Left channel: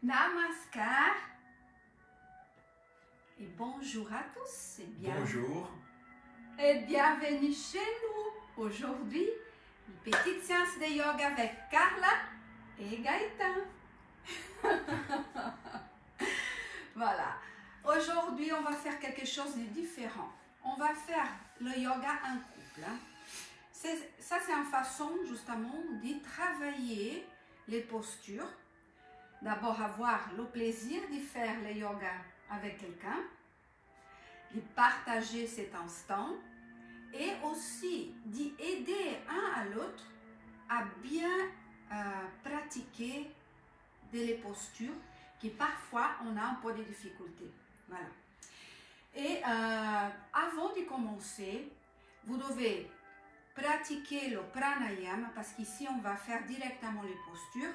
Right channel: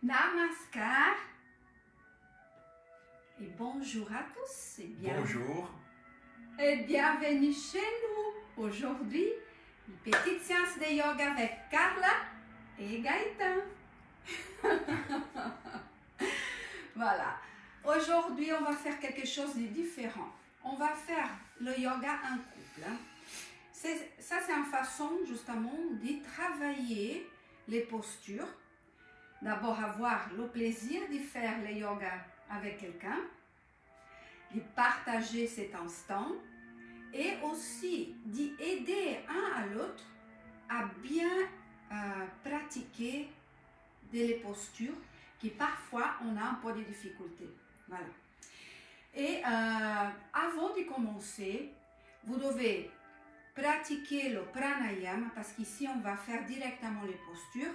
Namaskar et bonjour à tous. Bonjour. Et bienvenue chez nous. Aujourd'hui, une petite séance de yoga avec Carla et Gaëtan. Voilà. Aujourd'hui, on va faire quelque chose de différent. On va faire le yoga en couple. Ça, c'est une façon justement de travailler les postures. D'abord, avoir le plaisir de faire le yoga avec quelqu'un, de partager cet instant et aussi d'aider un à l'autre à bien pratiquer des postures qui parfois on a un peu de difficultés. Voilà. Et avant de commencer, vous devez pratiquer le pranayama parce qu'ici on va faire directement les postures.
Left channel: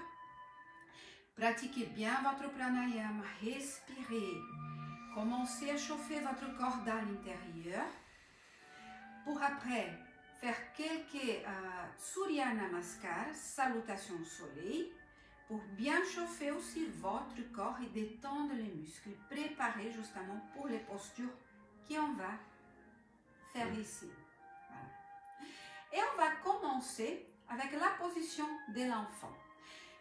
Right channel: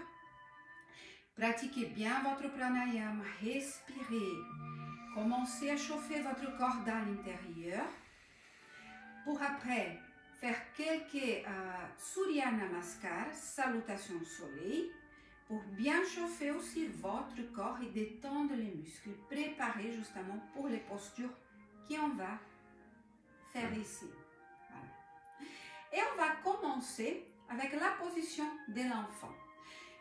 Pratiquez bien votre pranayama, respirez. Commencez à chauffer votre corps dans l'intérieur pour après faire quelques Surya Namaskar, salutations au soleil, pour bien chauffer aussi votre corps et détendre les muscles. Préparez justement pour les postures qu'on va faire ici. Voilà. Et on va commencer avec la position de l'enfant.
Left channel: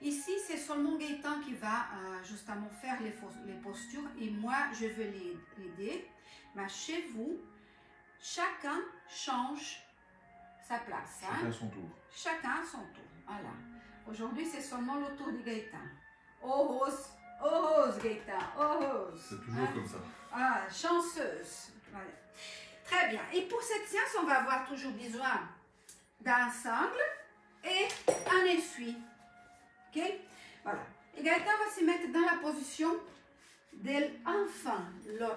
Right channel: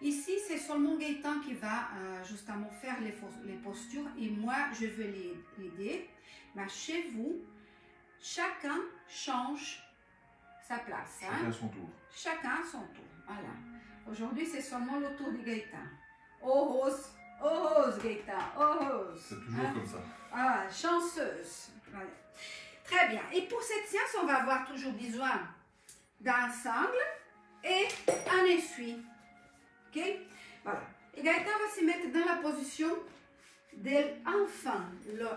Ici, c'est seulement Gaëtan qui va justement faire les postures et moi, je vais l'aider. Mais chez vous, chacun change sa place. Chacun à son tour. Chacun à son tour. Voilà. Aujourd'hui, c'est seulement le tour de Gaëtan. Oh rose, Gaëtan, oh rose. C'est toujours comme ça. Ah, chanceuse. Voilà. Très bien. Et pour cette séance, on va avoir toujours besoin d'un sangle et un essuie. Ok, voilà. Et Gaëtan va se mettre dans la position de l'enfant,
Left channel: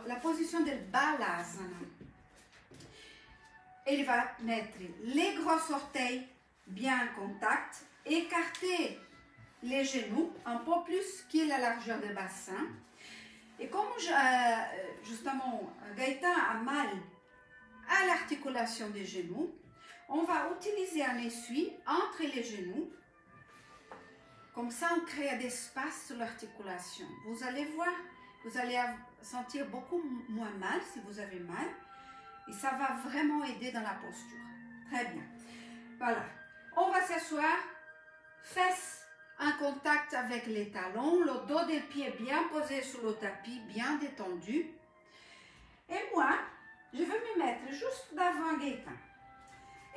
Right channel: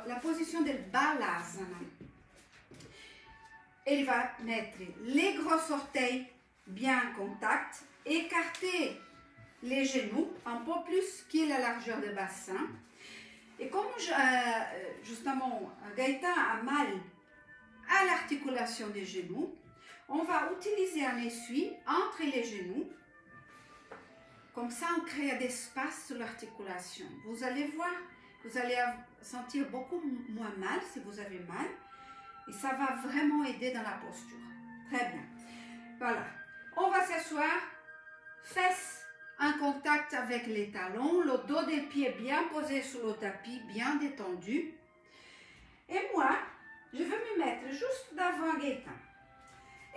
la position de Balasana. Il va mettre les gros orteils bien en contact, écarter les genoux un peu plus que la largeur du bassin. Et comme justement Gaëtan a mal à l'articulation des genoux, on va utiliser un essuie entre les genoux. Comme ça, on crée d'espace sur l'articulation. Vous allez voir, vous allez sentir beaucoup moins mal si vous avez mal. Et ça va vraiment aider dans la posture. Très bien. Voilà. On va s'asseoir, fesses en contact avec les talons, le dos des pieds bien posé sur le tapis, bien détendu. Et moi, je vais me mettre juste devant Gaëtan.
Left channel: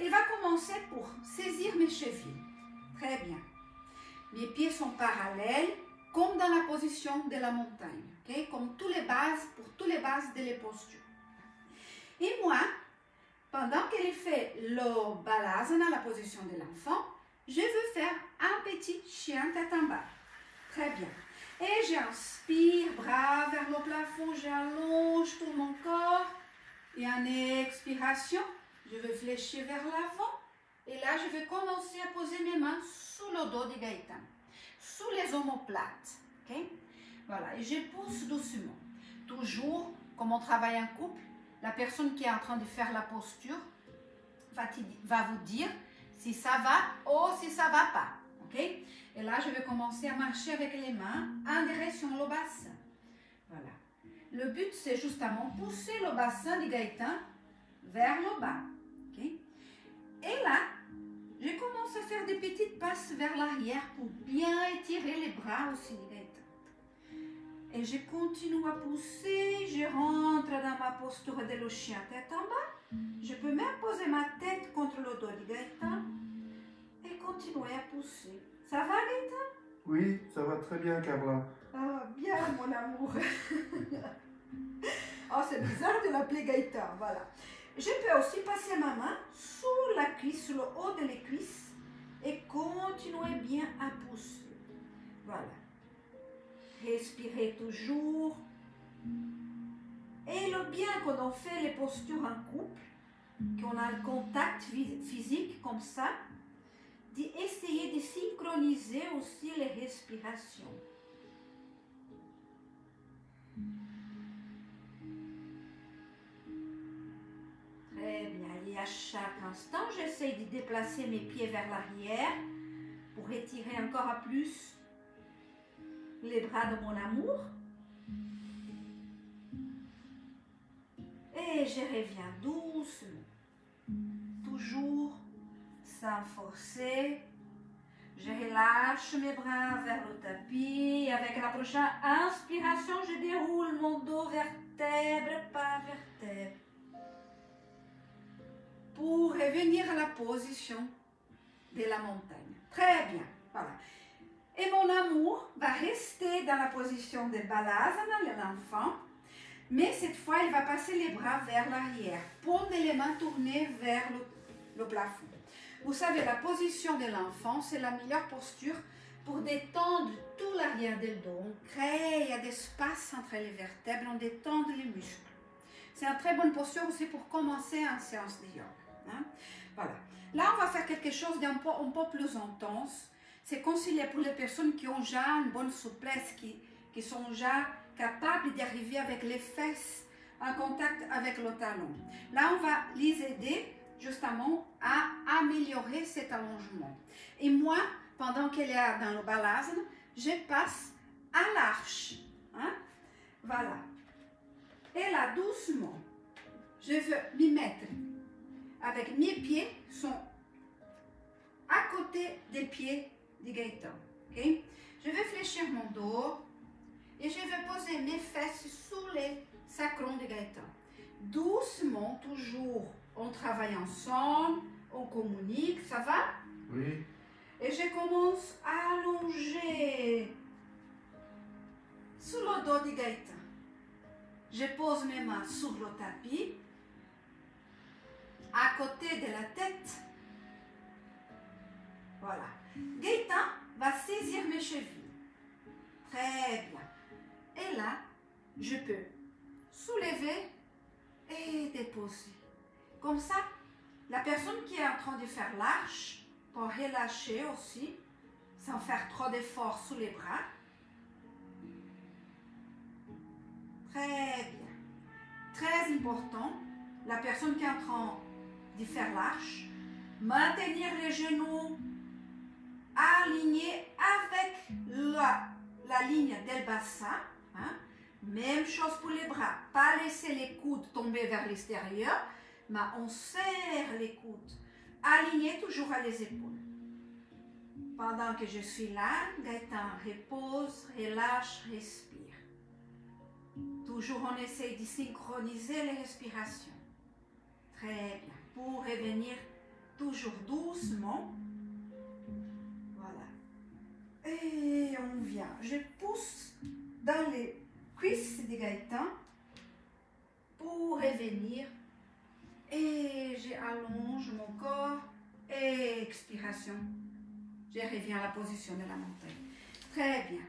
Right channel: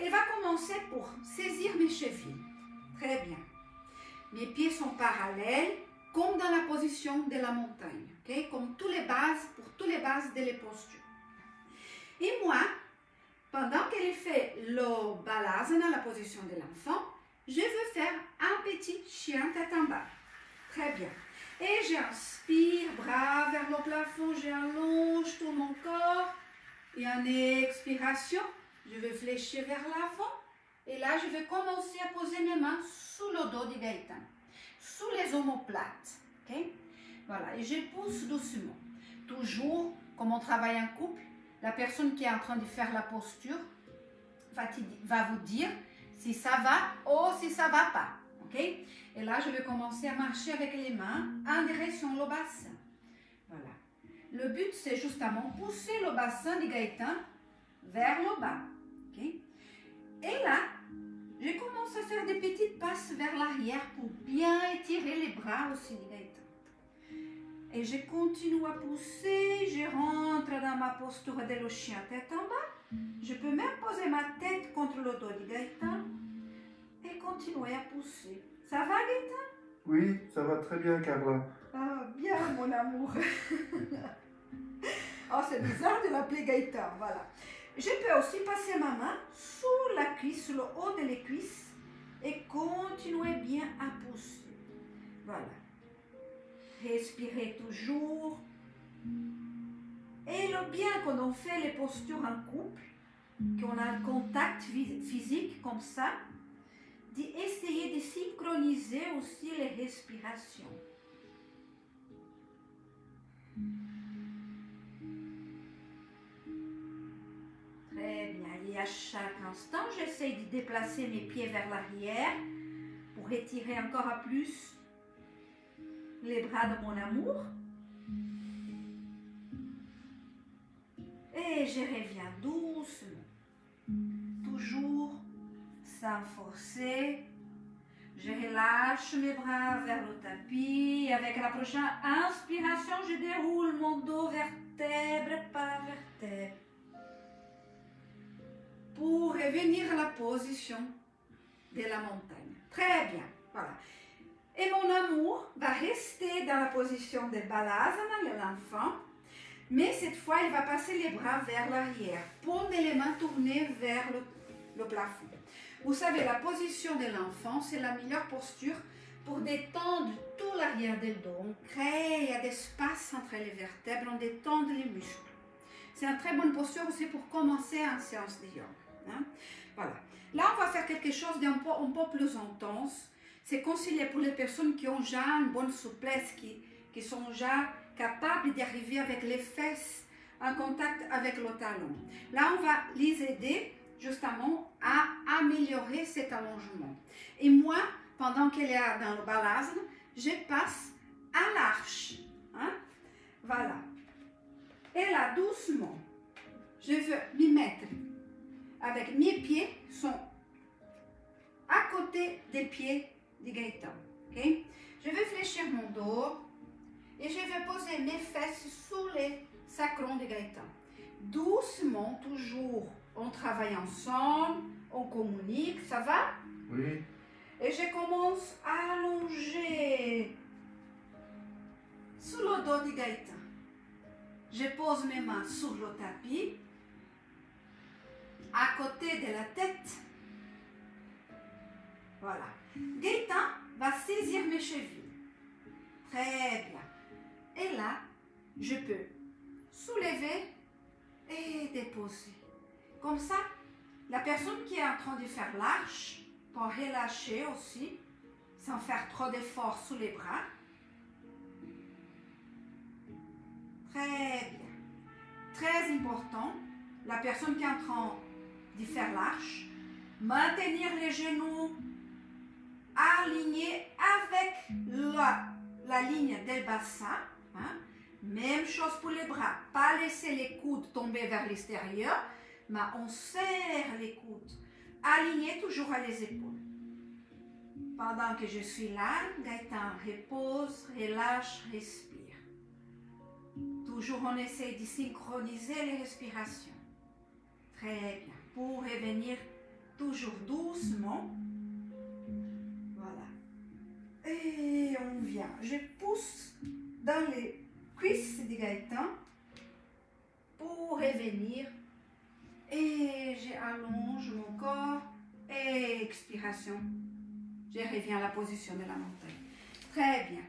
Il va commencer pour saisir mes chevilles. Très bien. Mes pieds sont parallèles, comme dans la position de la montagne, okay? Comme pour toutes les bases de les postures. Et moi, pendant qu'elle fait le Balasana, la position de l'enfant, je veux faire un petit chien tête en bas. Très bien. Et j'inspire, bras vers le plafond, j'allonge tout mon corps. Et en expiration, je vais fléchir vers l'avant. Et là, je vais commencer à poser mes mains sous le dos de Gaëtan, sous les omoplates. Okay? Voilà, et je pousse doucement. Toujours, comme on travaille en couple, la personne qui est en train de faire la posture va vous dire si ça va ou si ça ne va pas. Okay? Et là, je vais commencer à marcher avec les mains en direction du bassin. Voilà. Le but, c'est justement pousser le bassin de Gaëtan vers le bas. Okay? Et là, je commence à faire des petites passes vers l'arrière pour bien étirer les bras aussi de Gaëtan. Et je continue à pousser, je rentre dans ma posture de le chien tête en bas. Je peux même poser ma tête contre le dos de Gaëtan et continuer à pousser. Ça va Gaëtan? Oui, ça va très bien Carla. Ah, bien mon amour. Oh, c'est bizarre de l'appeler Gaëtan, voilà. Je peux aussi passer ma main sous la cuisse, sur le haut de les cuisses et continuer bien à pousser. Voilà. Respirez toujours. Et le bien quand on fait les postures en couple, qu'on a le contact physique comme ça, d'essayer de synchroniser aussi les respirations. Très bien. Et à chaque instant, j'essaie de déplacer mes pieds vers l'arrière pour étirer encore plus les bras de mon amour. Et je reviens doucement, toujours sans forcer. Je relâche mes bras vers le tapis et avec la prochaine inspiration, je déroule mon dos vertèbre par vertèbre pour revenir à la position de la montagne. Très bien, voilà. Et mon amour va rester dans la position de Balasana, l'enfant, mais cette fois, il va passer les bras vers l'arrière, paume les mains tournées vers le plafond. Vous savez, la position de l'enfant, c'est la meilleure posture pour détendre tout l'arrière du dos. On crée des espaces entre les vertèbres, on détend les muscles. C'est une très bonne posture aussi pour commencer en séance de yoga. Hein? Voilà. Là, on va faire quelque chose d'un peu, un peu plus intense. C'est conseillé pour les personnes qui ont déjà une bonne souplesse, qui sont déjà capables d'y arriver avec les fesses en contact avec le talon. Là, on va les aider justement à améliorer cet allongement. Et moi, pendant qu'elle est dans le balasana, je passe à l'arche. Hein? Voilà. Et là, doucement, je veux m'y mettre avec mes pieds sont à côté des pieds du Gaëtan. Okay? Je vais fléchir mon dos et je vais poser mes fesses sous les sacrons du Gaëtan. Doucement, toujours, on travaille ensemble, on communique, ça va? Oui. Et je commence à allonger sous le dos du Gaëtan. Je pose mes mains sur le tapis, à côté de la tête. Voilà. Gaëtan va saisir mes chevilles. Très bien. Et là, je peux soulever et déposer. Comme ça, la personne qui est en train de faire l'arche peut relâcher aussi, sans faire trop d'efforts sous les bras. Très bien. Très important, la personne qui est en train de faire l'arche, maintenir les genoux alignés avec la ligne del bassin. Hein? Même chose pour les bras. Pas laisser les coudes tomber vers l'extérieur, mais on serre les coudes. Alignés toujours à les épaules. Pendant que je suis là, Gaëtan repose, relâche, respire. Toujours on essaie de synchroniser les respirations. Très bien. Pour revenir toujours doucement. Voilà. Et on vient. Je pousse dans les cuisses du Gaëtan pour revenir. Et j'allonge mon corps. Et expiration. Je reviens à la position de la montagne. Très bien.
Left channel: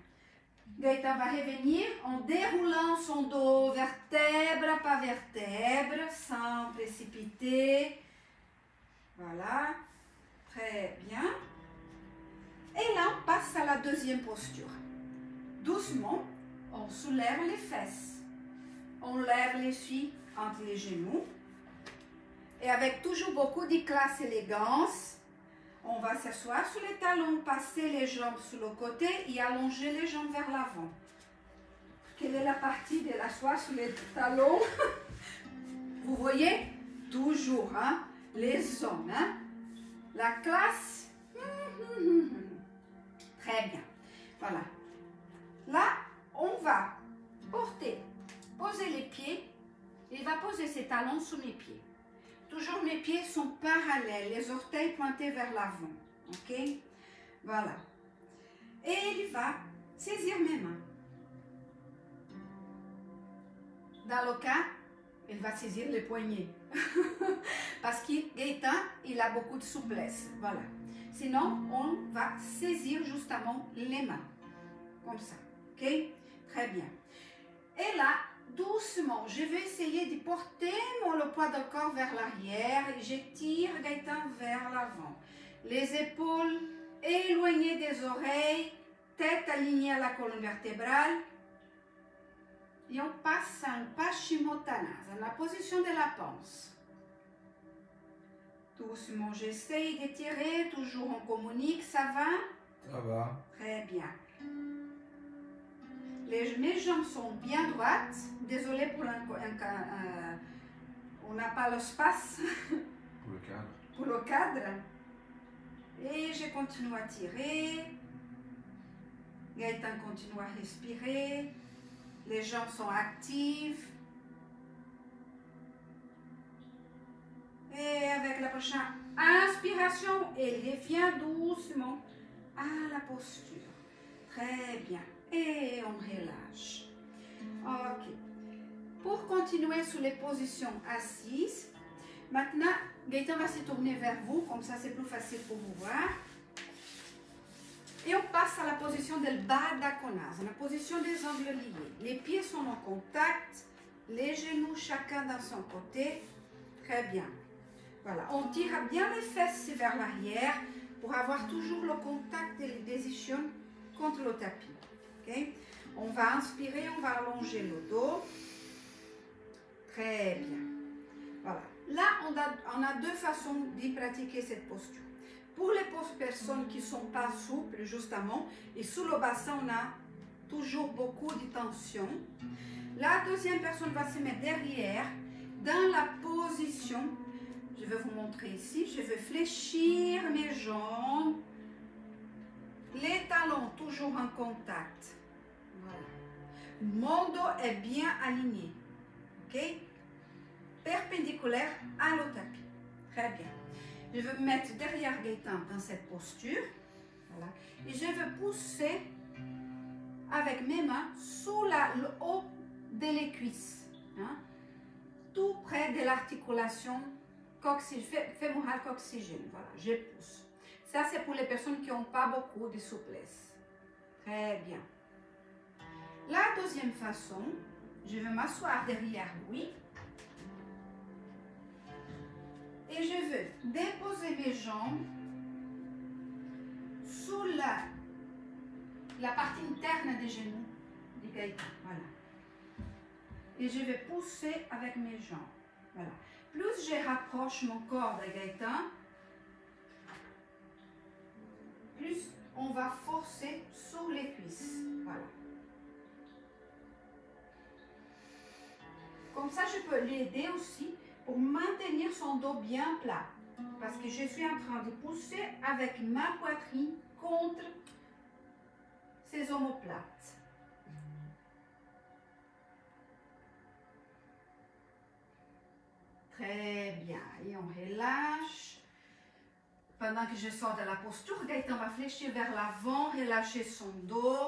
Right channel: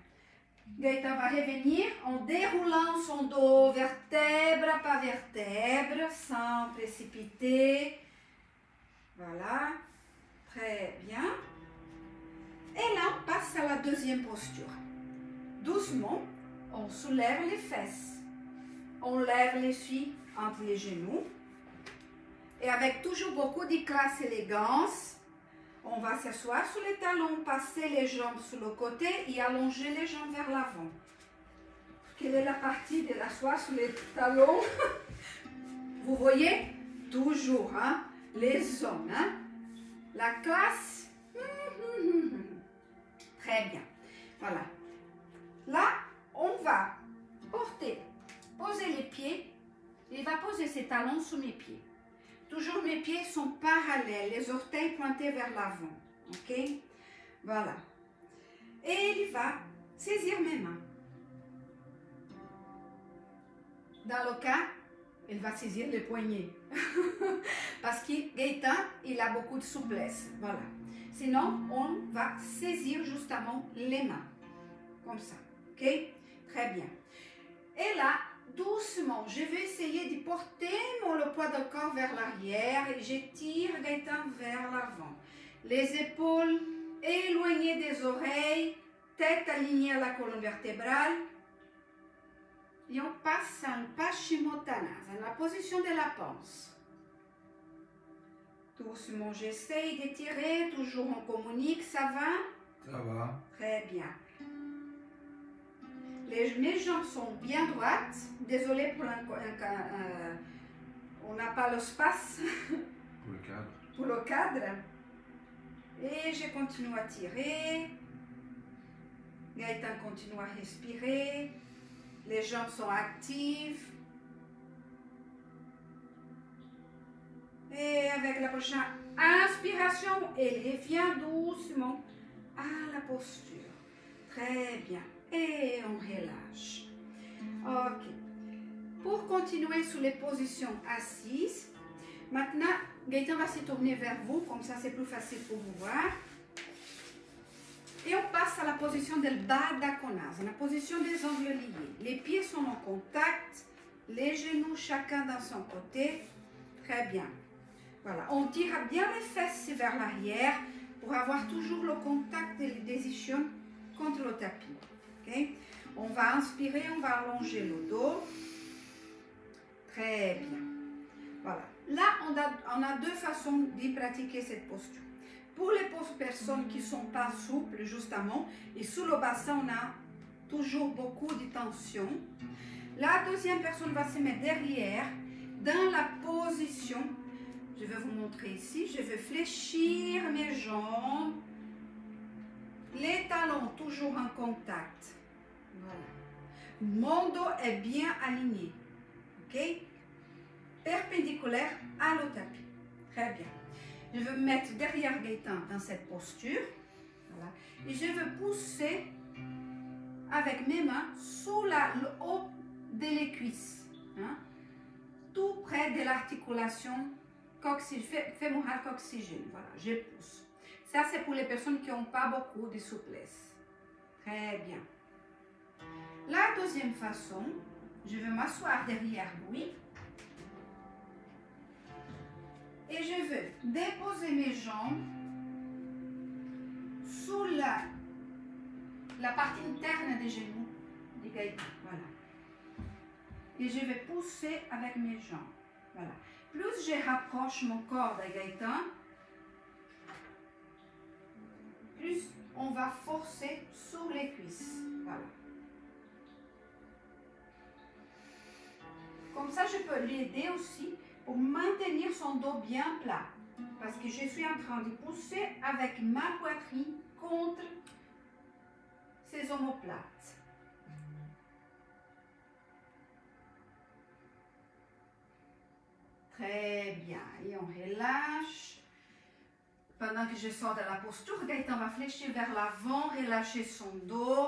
Gaëtan va revenir en déroulant son dos vertèbre par vertèbre, sans précipiter. Voilà. Très bien. Et là, on passe à la deuxième posture. Doucement, on soulève les fesses. On lève les filles entre les genoux. Et avec toujours beaucoup de classe et élégance, on va s'asseoir sur les talons, passer les jambes sur le côté et allonger les jambes vers l'avant. Quelle est la partie de l'asseoir sur les talons? Vous voyez? Toujours, hein? Les hommes, hein? La classe. Très bien. Voilà. Là, on va poser les pieds. Il va poser ses talons sous mes pieds. Toujours mes pieds sont parallèles, les orteils pointés vers l'avant. Ok? Voilà. Et il va saisir mes mains. Dans le cas, il va saisir les poignets. Parce que Gaëtan, il a beaucoup de souplesse. Voilà. Sinon, on va saisir justement les mains. Comme ça. Ok? Très bien. Et là, doucement, je vais essayer de porter le poids du corps vers l'arrière et je tire Gaëtan vers l'avant. Les épaules éloignées des oreilles, tête alignée à la colonne vertébrale. Et on passe en Paschimottanasana, la position de la panse. Doucement, j'essaye d'étirer, toujours on communique, ça va? Ça va. Très bien. mes jambes sont bien droites. Désolée pour on n'a pas l'espace Pour le cadre. pour le cadre. Et je continue à tirer. Gaëtan continue à respirer. Les jambes sont actives. Et avec la prochaine inspiration, elle revient doucement à la posture. Très bien. Et on relâche. Ok. Pour continuer sur les positions assises, maintenant, Gaëtan va se tourner vers vous, comme ça c'est plus facile pour vous voir. Et on passe à la position de Baddha Konasana, la position des ongles liés. Les pieds sont en contact, les genoux chacun dans son côté. Très bien. Voilà, on tire bien les fesses vers l'arrière pour avoir toujours le contact des ischions contre le tapis. Okay? On va inspirer, on va allonger le dos. Très bien. Voilà. Là, on a deux façons de pratiquer cette posture. Pour les personnes qui ne sont pas souples, justement, et sous le bassin, on a toujours beaucoup de tension. La deuxième personne va se mettre derrière, dans la position. Je vais vous montrer ici. Je vais fléchir mes jambes. Les talons toujours en contact. Voilà. Mon dos est bien aligné. OK? Perpendiculaire à le tapis. Très bien. Je vais me mettre derrière Gaëtan dans cette posture. Voilà. Et je vais pousser avec mes mains sous le haut des cuisses. Hein? Tout près de l'articulation fémorale coxygène. Voilà, je pousse. Ça, c'est pour les personnes qui n'ont pas beaucoup de souplesse. Très bien. La deuxième façon, je vais m'asseoir derrière lui. Et je vais déposer mes jambes sous la partie interne des genoux du Gaëtan. Voilà. Et je vais pousser avec mes jambes. Voilà. Plus je rapproche mon corps de Gaëtan, plus on va forcer sur les cuisses. Voilà. Comme ça, je peux l'aider aussi pour maintenir son dos bien plat. Parce que je suis en train de pousser avec ma poitrine contre ses omoplates. Très bien. Et on relâche. Pendant que je sors de la posture, Gaëtan va fléchir vers l'avant, relâcher son dos,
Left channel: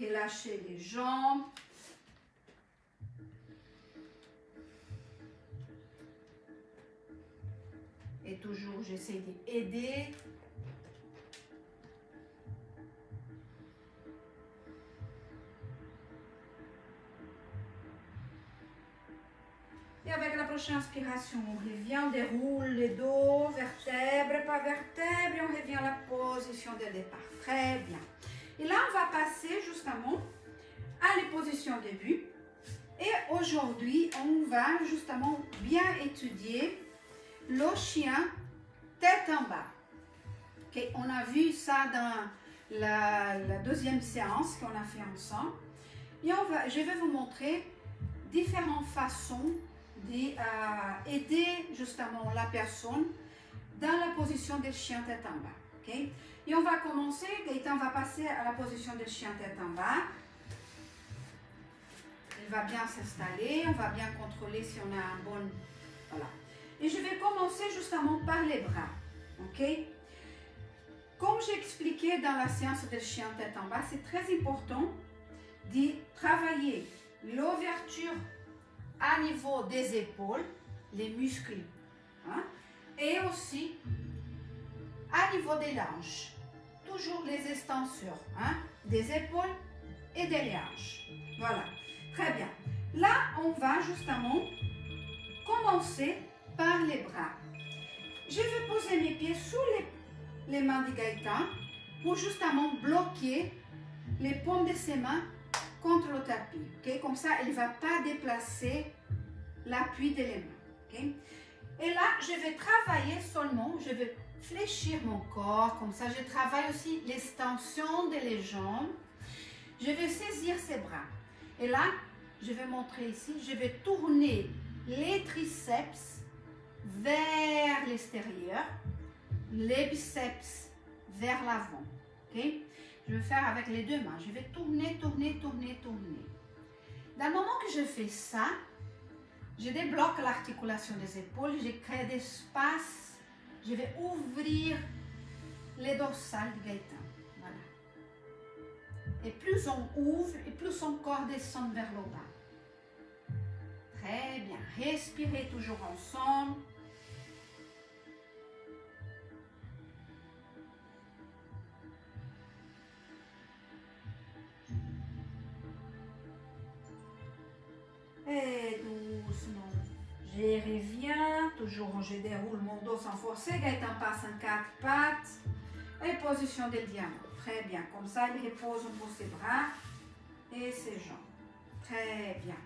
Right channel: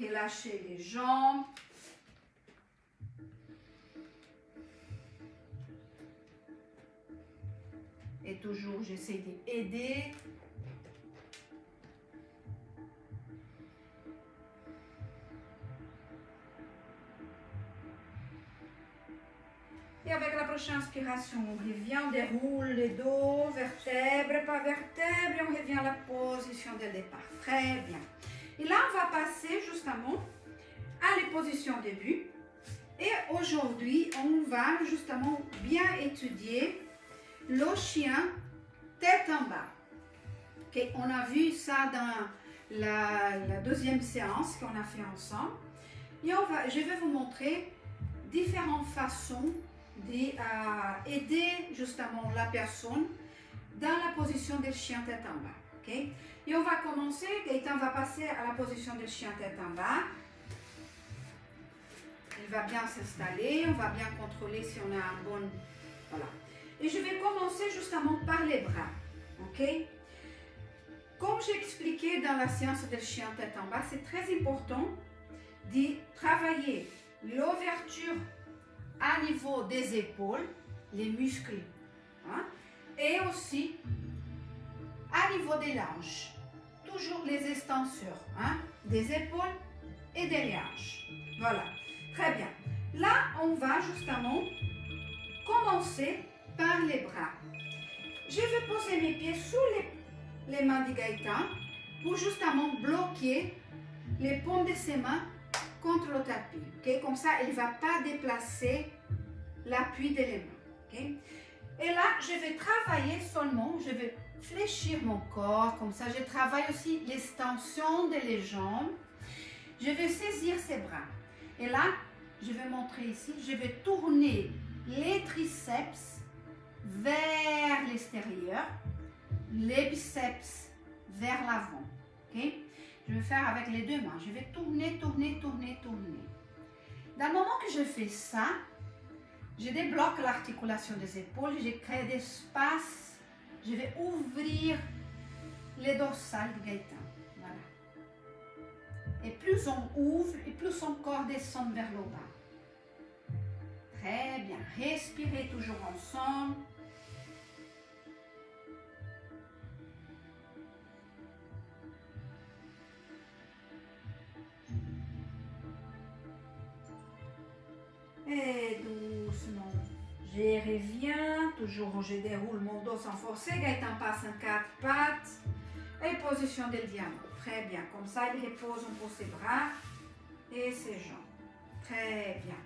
relâcher les jambes. Et toujours, j'essaie d'aider. Et avec la prochaine inspiration, on revient, on déroule les dos, vertèbre par vertèbre, et on revient à la position de départ. Très bien. Et là, on va passer justement à la position de début. Et aujourd'hui, on va justement bien étudier le chien tête en bas. Okay, on a vu ça dans la deuxième séance qu'on a fait ensemble. Et je vais vous montrer différentes façons d'aider justement la personne dans la position de chien tête en bas. Okay? Et on va commencer, Gaëtan va passer à la position de chien tête en bas. Il va bien s'installer, on va bien contrôler si on a un bon... Voilà. Et je vais commencer justement par les bras. Ok? Comme j'ai expliqué dans la séance de chien tête en bas, c'est très important de travailler l'ouverture à niveau des épaules, les muscles, hein? Et aussi à niveau des hanches. Toujours les extenseurs, hein? Des épaules et des hanches. Voilà. Très bien. Là, on va justement commencer par les bras. Je vais poser mes pieds sous les mains de Gaëtan pour justement bloquer les paumes de ses mains contre le tapis. Okay? Comme ça, il ne va pas déplacer l'appui de les mains. Okay? Et là, je vais travailler seulement, je vais fléchir mon corps. Comme ça, je travaille aussi l'extension des jambes. Je vais saisir ses bras. Et là, je vais montrer ici, je vais tourner les triceps vers l'extérieur, les biceps vers l'avant. Okay? Je vais faire avec les deux mains. Je vais tourner, tourner, tourner, tourner. Dans le moment que je fais ça, je débloque l'articulation des épaules, je crée d'espace, je vais ouvrir les dorsales du Gaëtan. Voilà. Et plus on ouvre, et plus son corps descend vers le bas. Très bien. Respirez toujours ensemble. Et doucement, je reviens, toujours je déroule mon dos sans forcer, Gaëtan passe en 4 pattes, et position de diamant, très bien, comme ça il repose un peu ses bras et ses jambes, très bien,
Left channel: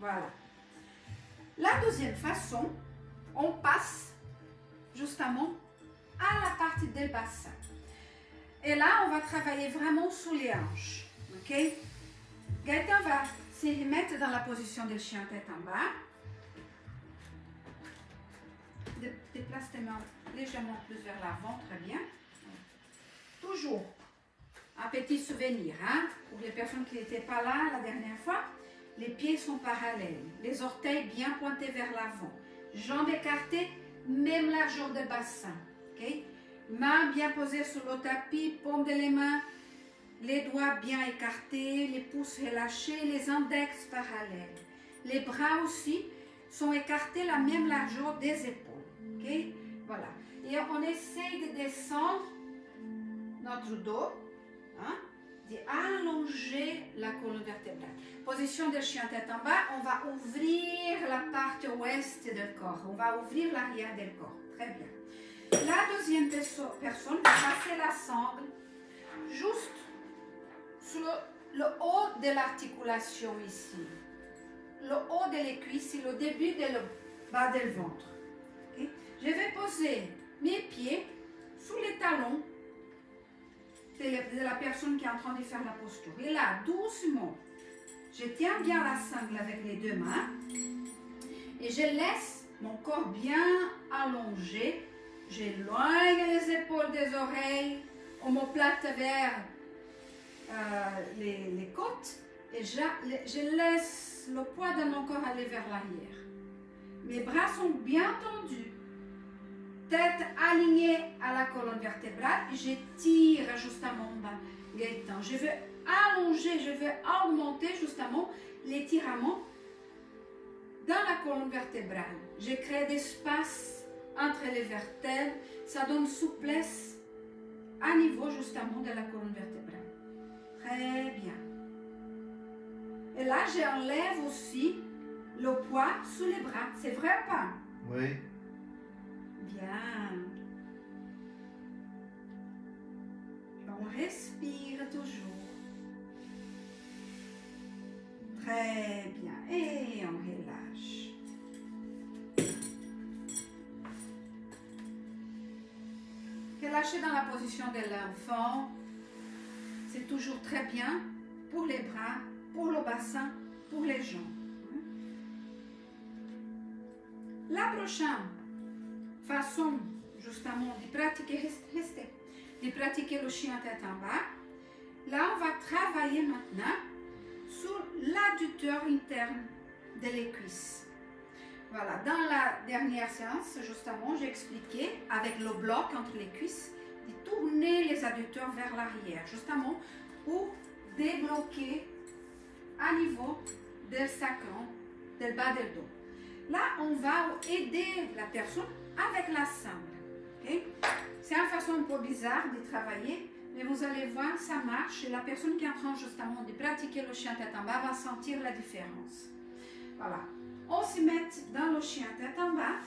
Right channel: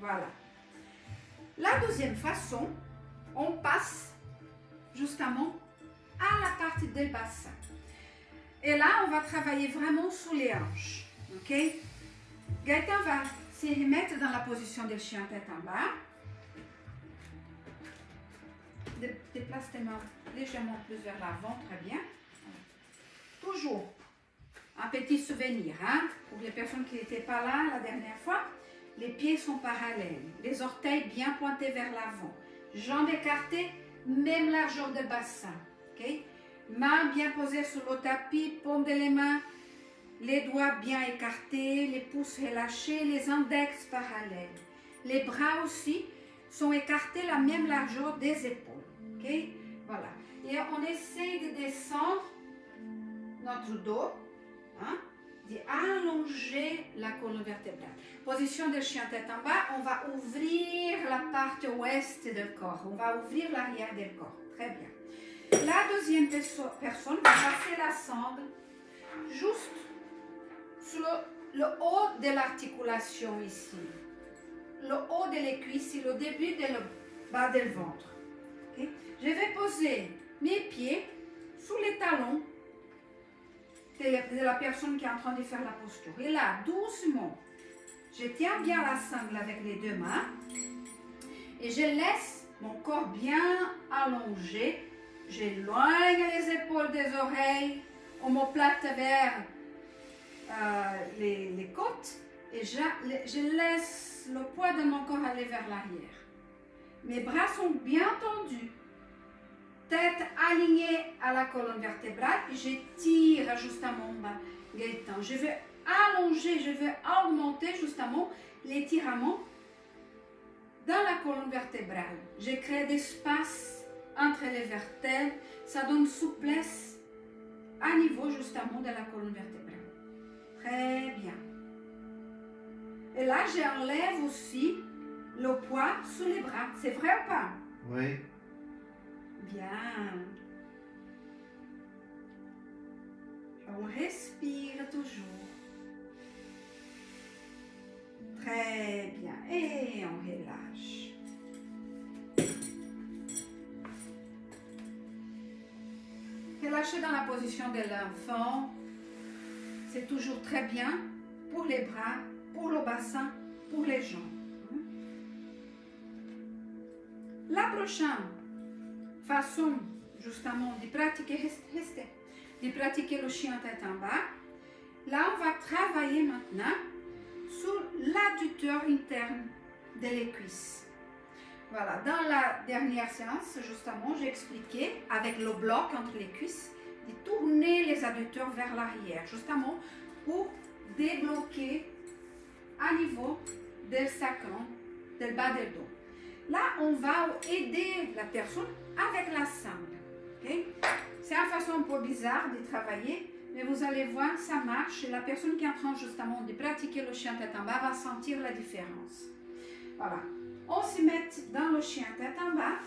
voilà. La deuxième façon, on passe justement à la partie des bassins, et là on va travailler vraiment sous les hanches, ok? Gaëtan va se remettre dans la position de chien tête en bas. Déplace tes mains légèrement plus vers l'avant, très bien. Toujours un petit souvenir, hein, pour les personnes qui n'étaient pas là la dernière fois. Les pieds sont parallèles, les orteils bien pointés vers l'avant, jambes écartées, même largeur de bassin. Okay? Mains bien posées sur le tapis, paume de les mains. Les doigts bien écartés, les pouces relâchés, les index parallèles. Les bras aussi sont écartés la même largeur des épaules. Okay? Voilà. Et on essaye de descendre notre dos, hein, d'allonger la colonne vertébrale. Position de chien tête en bas, on va ouvrir la partie ouest du corps. On va ouvrir l'arrière du corps. Très bien. La deuxième personne va passer la sangle juste sur le haut de l'articulation ici, le haut de les cuisses, le début de le bas du ventre. Okay? Je vais poser mes pieds sous les talons de la personne qui est en train de faire la posture. Et là, doucement, je tiens bien la sangle avec les deux mains et je laisse mon corps bien allongé. J'éloigne les épaules des oreilles, omoplate vers les côtes et je laisse le poids de mon corps aller vers l'arrière. Mes bras sont bien tendus, tête alignée à la colonne vertébrale et je tire justement bas Gaëtan. Je vais allonger, je vais augmenter justement l'étirement dans la colonne vertébrale. Je crée d'espace entre les vertèbres, ça donne souplesse à niveau justement de la colonne vertébrale. Très bien. Et là, j'enlève aussi le poids sous les bras. C'est vrai ou pas? Oui. Bien. On respire toujours. Très bien. Et on relâche. Relâchez dans la position de l'enfant. C'est toujours très bien pour les bras, pour le bassin, pour les jambes. La prochaine façon, justement, de pratiquer, de pratiquer le chien tête en bas, là, on va travailler maintenant sur l'adducteur interne des cuisses. Voilà, dans la dernière séance, justement, j'ai expliqué avec le bloc entre les cuisses, de tourner les adducteurs vers l'arrière, justement pour débloquer à niveau du sacrum, du bas du dos. Là, on va aider la personne avec la sangle. Okay? C'est une façon un peu bizarre de travailler, mais vous allez voir, ça marche. Et la personne qui est en train justement de pratiquer le chien tête en bas va sentir la différence. Voilà. On se met dans le chien tête en bas.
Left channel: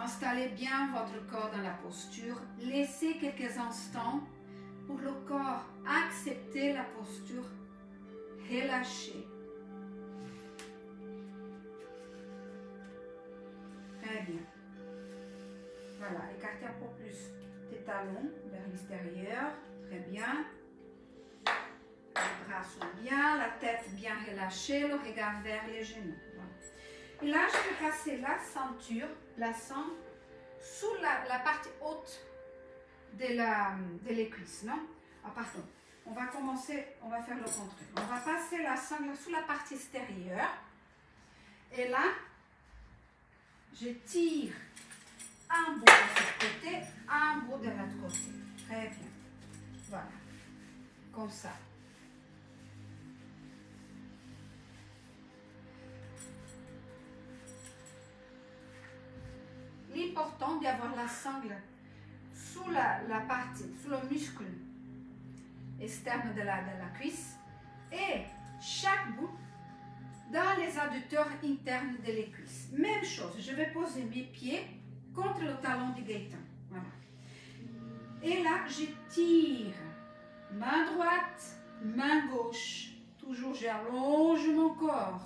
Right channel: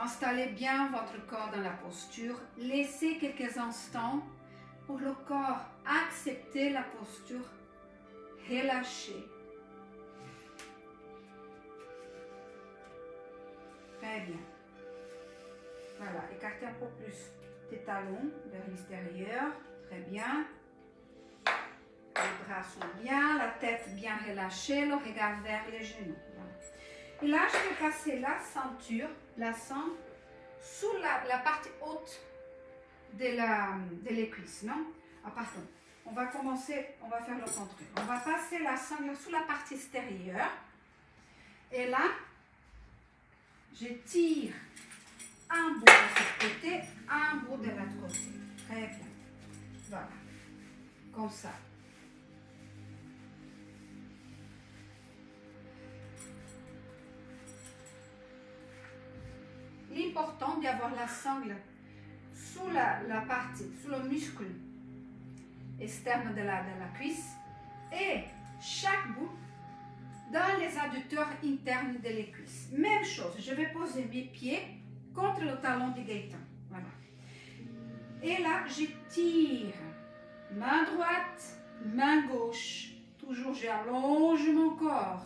Installez bien votre corps dans la posture. Laissez quelques instants pour le corps accepter la posture. Relâchez. Très bien. Voilà, écartez un peu plus tes talons vers l'extérieur. Très bien. Les bras sont tête bien relâchée, le regard vers les genoux. Voilà. Et là, je vais passer la ceinture, la cendre, sous la partie haute de les cuisses, non? Ah, pardon. On va commencer, on va faire le contraire. On va passer la sangle sous la partie extérieure. Et là, je tire un bout de ce côté, un bout de l'autre côté. Très bien. Voilà. Comme ça. L'important d'avoir la sangle sous la partie, sous le muscle externe de la cuisse et chaque bout dans les adducteurs internes de les cuisses. Même chose, je vais poser mes pieds contre le talon du Gaëtan. Voilà. Et là, je tire main droite, main gauche. Toujours, j'allonge mon corps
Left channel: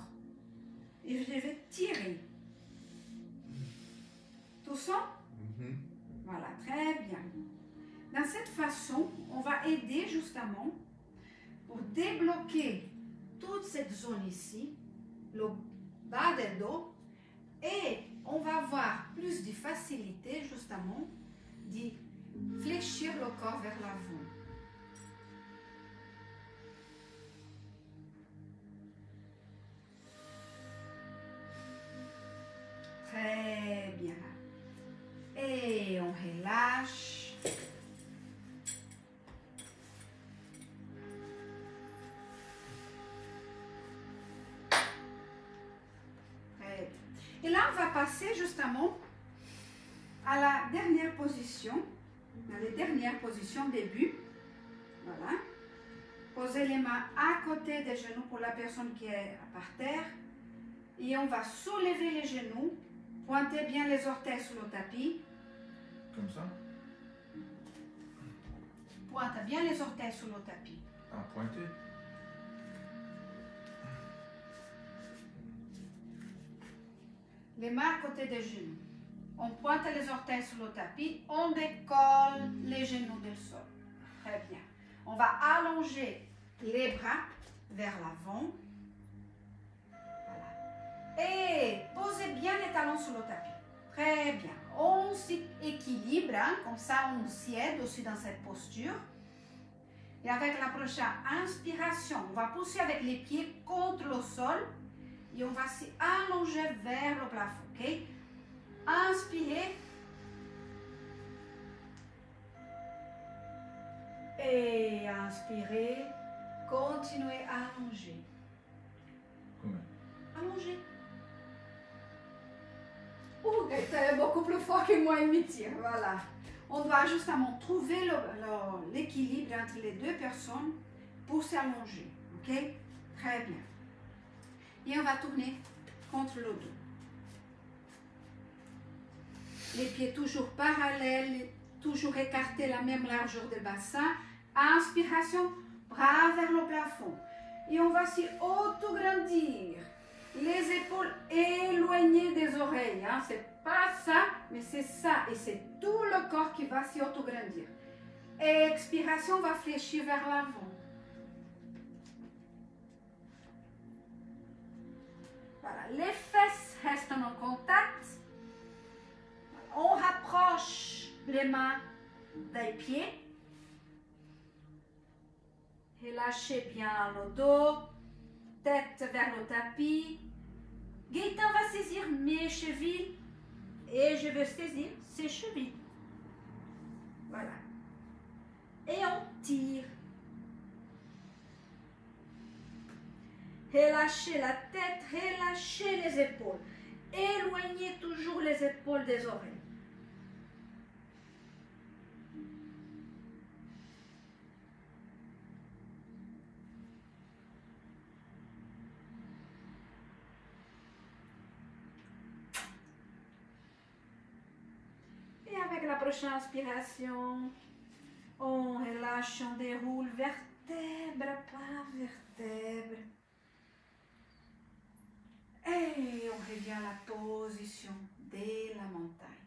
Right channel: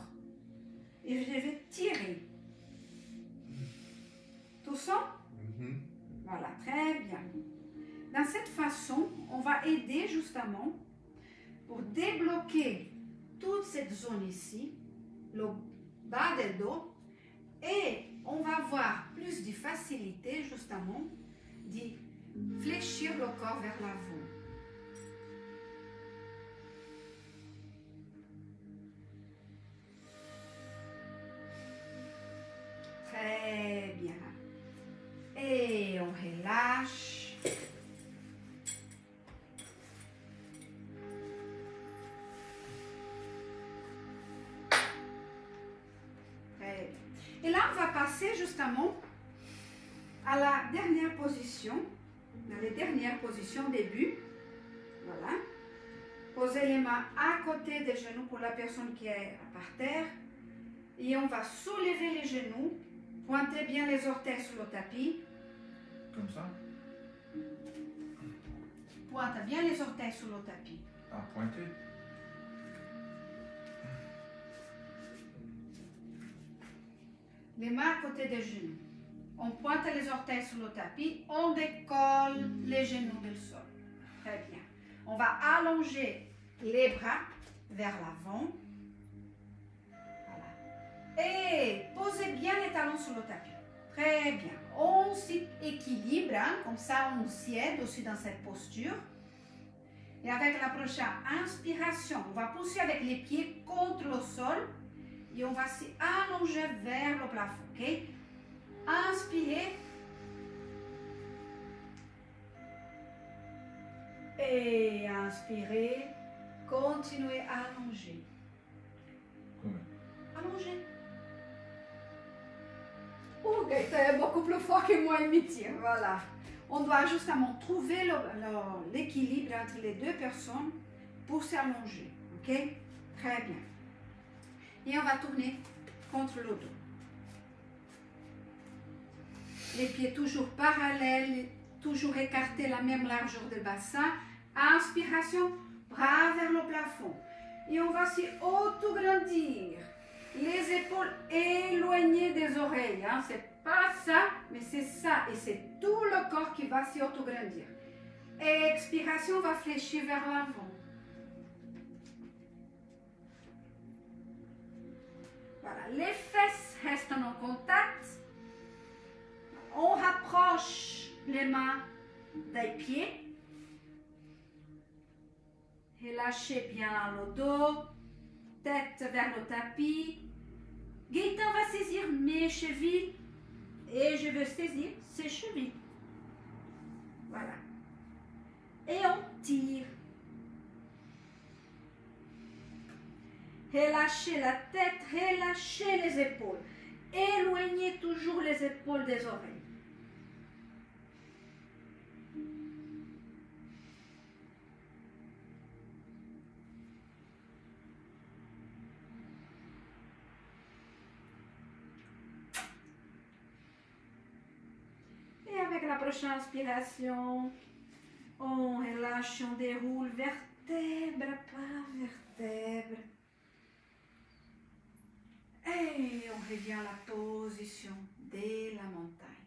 et je vais tirer. Tout ça? Voilà, très bien. Dans cette façon, on va aider justement pour débloquer toute cette zone ici, le bas du dos, et on va avoir plus de facilité justement de fléchir le corps vers l'avant. Très bien. Et on relâche. Et là, on va passer justement à la dernière position, à la dernière position début. Voilà. Posez les mains à côté des genoux pour la personne qui est par terre. Et on va soulever les genoux, pointer bien les orteils sur le tapis. Comme ça? Pointe bien les orteils sur le tapis. Ah, pointer. Les mains à côté des genoux. On pointe les orteils sur le tapis, on décolle les genoux du sol. Très bien. On va allonger les bras vers l'avant. Voilà. Et posez bien les talons sur le tapis. Très bien. On s'équilibre, hein, comme ça on s'y aide aussi dans cette posture. Et avec la prochaine inspiration, on va pousser avec les pieds contre le sol. Et on va s'allonger vers le plafond, ok? Inspirez. Et inspirez. Continuez à allonger. Comment? Allongez. Ouh, c'est beaucoup plus fort que moi, il me tire. Voilà. On doit justement trouver l'équilibre entre les deux personnes pour s'allonger, ok? Très bien. Et on va tourner contre le dos. Les pieds toujours parallèles, toujours écartés la même largeur de bassin. Inspiration, bras vers le plafond. Et on va s'y autograndir. Les épaules éloignées des oreilles. Hein. C'est pas ça, mais c'est ça. Et c'est tout le corps qui va s'y autograndir. Expiration, on va fléchir vers l'avant. Voilà, les fesses restent en contact. On rapproche les mains des pieds. Relâchez bien le dos, tête vers le tapis. Gaëtan va saisir mes chevilles et je vais saisir ses chevilles. Voilà. Et on tire. Relâchez la tête, relâchez les épaules. Éloignez toujours les épaules des oreilles. Et avec la prochaine inspiration, on relâche, on déroule vertèbre par vertèbre. Et on revient à la position de la montagne.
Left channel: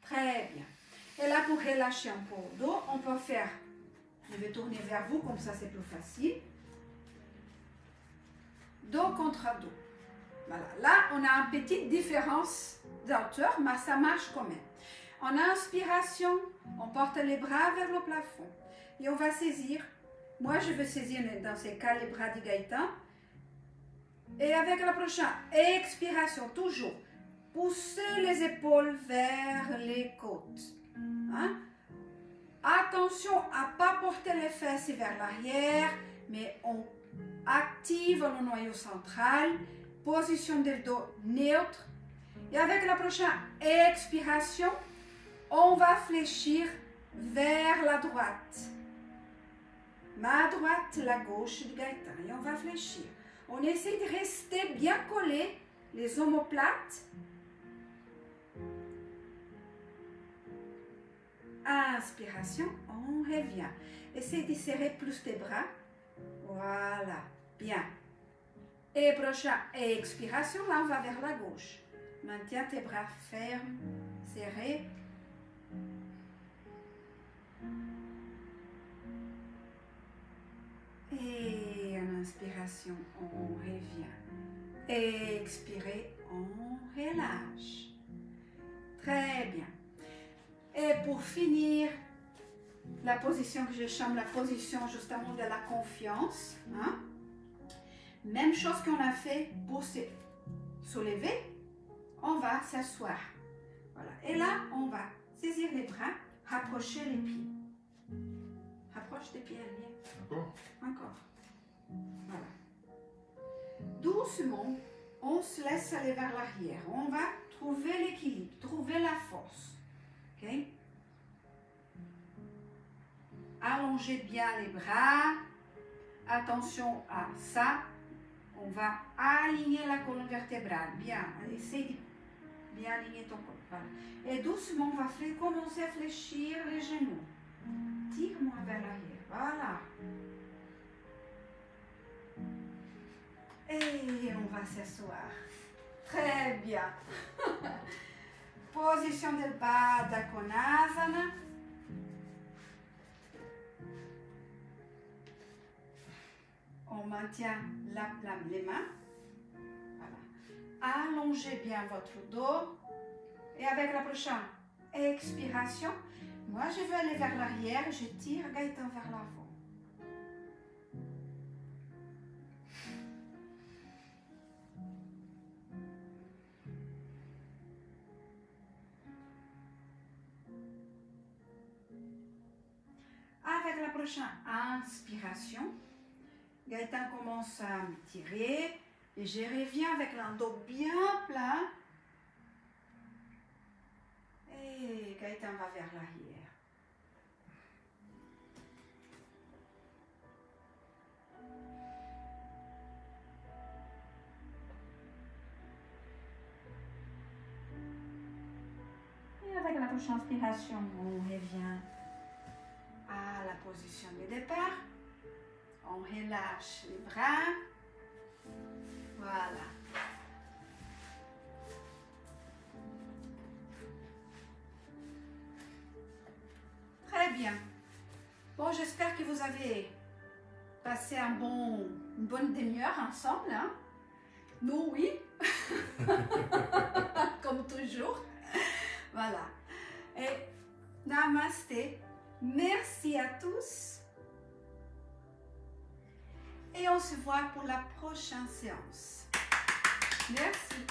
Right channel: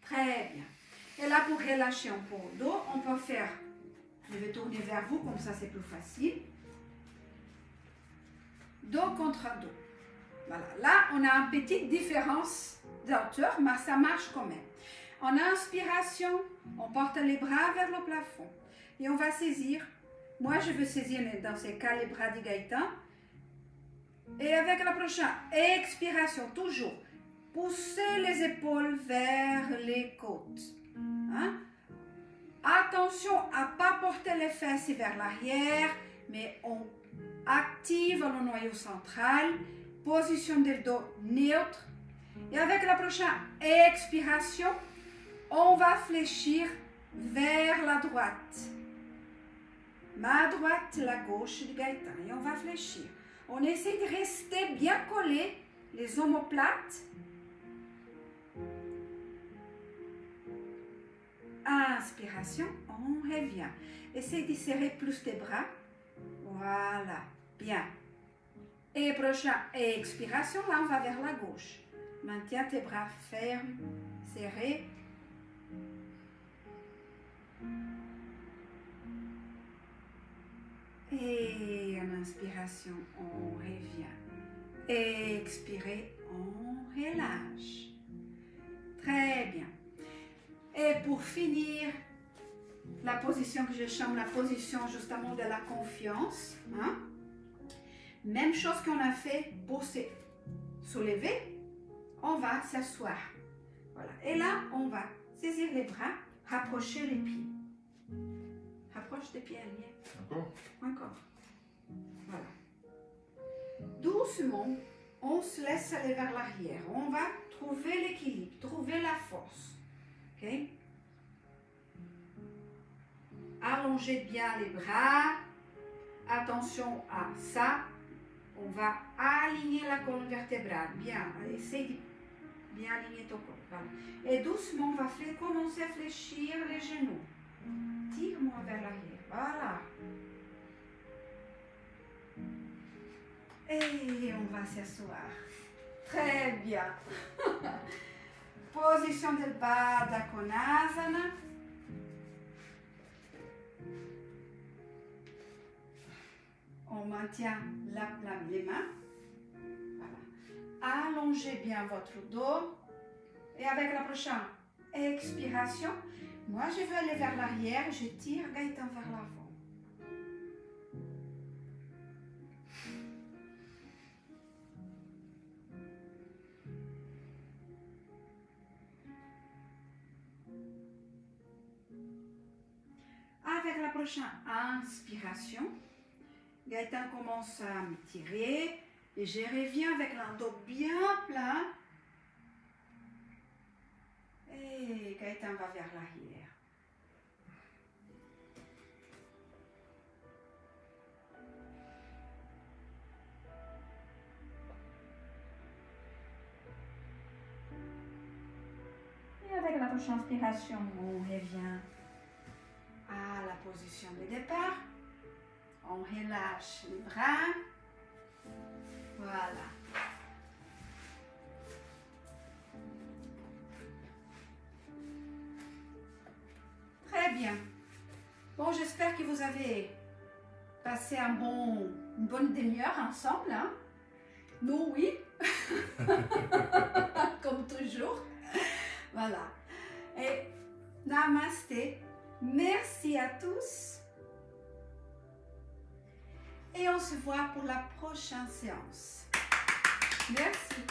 Très bien. Et là, pour relâcher un peu le dos, on peut faire, je vais tourner vers vous, comme ça c'est plus facile. dos contre dos. Voilà. Là, on a une petite différence d'hauteur, mais ça marche quand même. En inspiration, on porte les bras vers le plafond. Et on va saisir. Moi, je vais saisir dans ce cas les bras du Gaëtan. Et avec la prochaine expiration, toujours, poussez les épaules vers les côtes. Hein? Attention à ne pas porter les fesses vers l'arrière, mais on active le noyau central, position du dos neutre. Et avec la prochaine expiration, on va fléchir vers la droite. Ma droite, la gauche du Gaëtan. Et on va fléchir. On essaie de rester bien collé, les omoplates. Inspiration, on revient. Essaye de serrer plus tes bras. Voilà, bien. Et prochaine expiration, là on va vers la gauche. Maintiens tes bras fermes, serrés. Et en inspiration, on revient. Expirez, on relâche. Très bien. Et pour finir, la position que je chante, la position justement de la confiance. Hein? Même chose qu'on a fait pour se soulever, on va s'asseoir. Voilà. Et là, on va saisir les bras, rapprocher les pieds. Rapproche les pieds, Agnès. Encore? Encore. Voilà. Doucement, on se laisse aller vers l'arrière. On va trouver l'équilibre, trouver la force. Ok? Allongez bien les bras. Attention à ça. On va aligner la colonne vertébrale. Bien. Essaye de bien aligner ton corps. Voilà. Et doucement, on va commencer à fléchir les genoux. Tire-moi vers l'arrière. Voilà. Et on va s'asseoir. Très bien. Position del Baddha Konasana. On maintient les mains. Voilà. Allongez bien votre dos. Et avec la prochaine expiration, moi je vais aller vers l'arrière. Je tire Gaëtan vers l'avant. Avec la prochaine inspiration, Gaëtan commence à me tirer et je reviens avec le dos bien plein. Et Gaëtan va vers l'arrière. Et avec la prochaine inspiration, on revient à la position de départ. On relâche les bras. Voilà. Très bien. Bon, j'espère que vous avez passé une bonne demi-heure ensemble. Hein? Nous, oui. Comme toujours. Voilà. Et namasté. Merci à tous. Et on se voit pour la prochaine séance. Merci.